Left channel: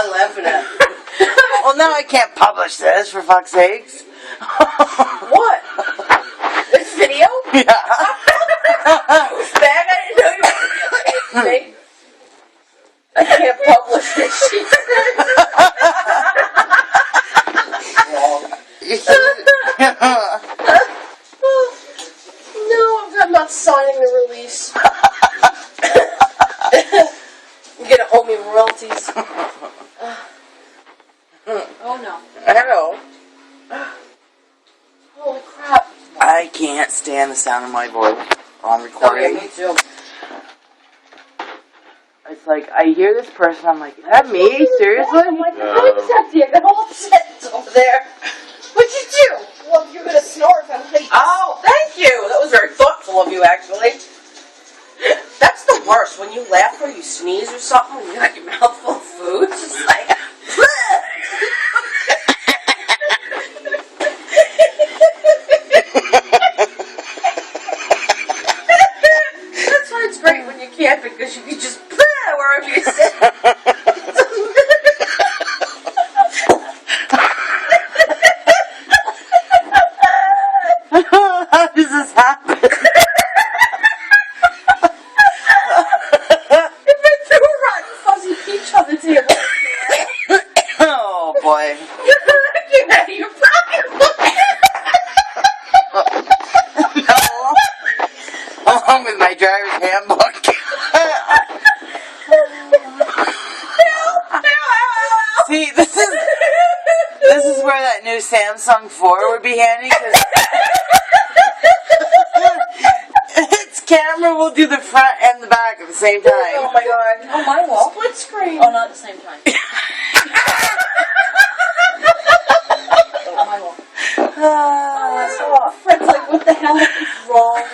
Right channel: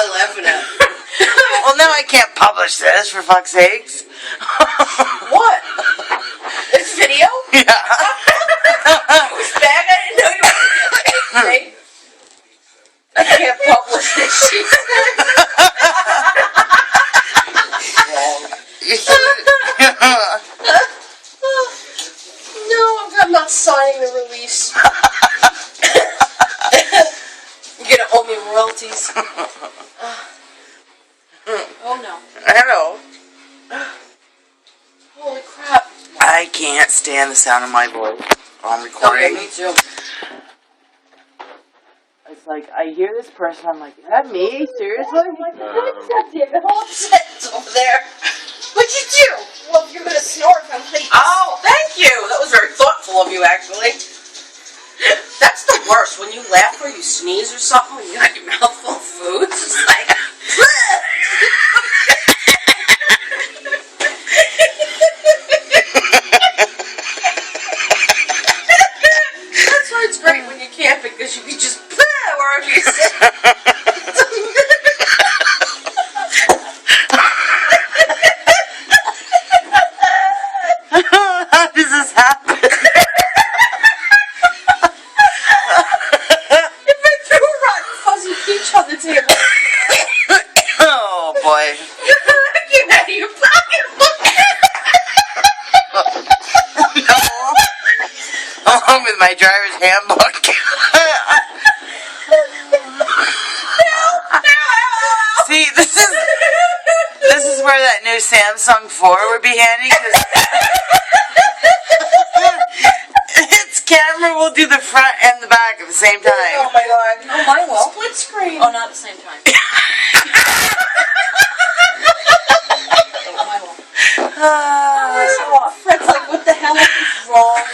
I laughing at? Well, now I can't publish this, for fuck's sakes. What? This video? Yeah. Douchebag, I didn't know you were going to me. I can't publish this shit. No, I'm not signing the release. You're gonna owe me royalties. Oh no. Hello. Holy crap. I can't stand the sound of my voice while I'm Oh, recording. yeah, me too. It's like, I hear this person, I'm like, is that me? Seriously? I'm like, I'm upset here. I'm all upset over there. What'd you do? Well, you're gonna snort if I'm late. Oh, thank you. That was very thoughtful of you, actually. That's the worst, when you laugh or you sneeze or something when you got your mouth full of food. It's just like, that's why it's great when you can't, because you can just wherever you sit. How does this happen? If I threw a rotten fuzzy peach on the table. Oh boy. Get out of your pocketbook. No. Along with my driver's handbook. See, this is where that new Samsung 4 would be handy, because its camera will do the front and the back at the same time. Oh my god. Oh, mine will. Split screen. Oh, not at the same time. Oh, mine will. Fred's like, what the hell is wrong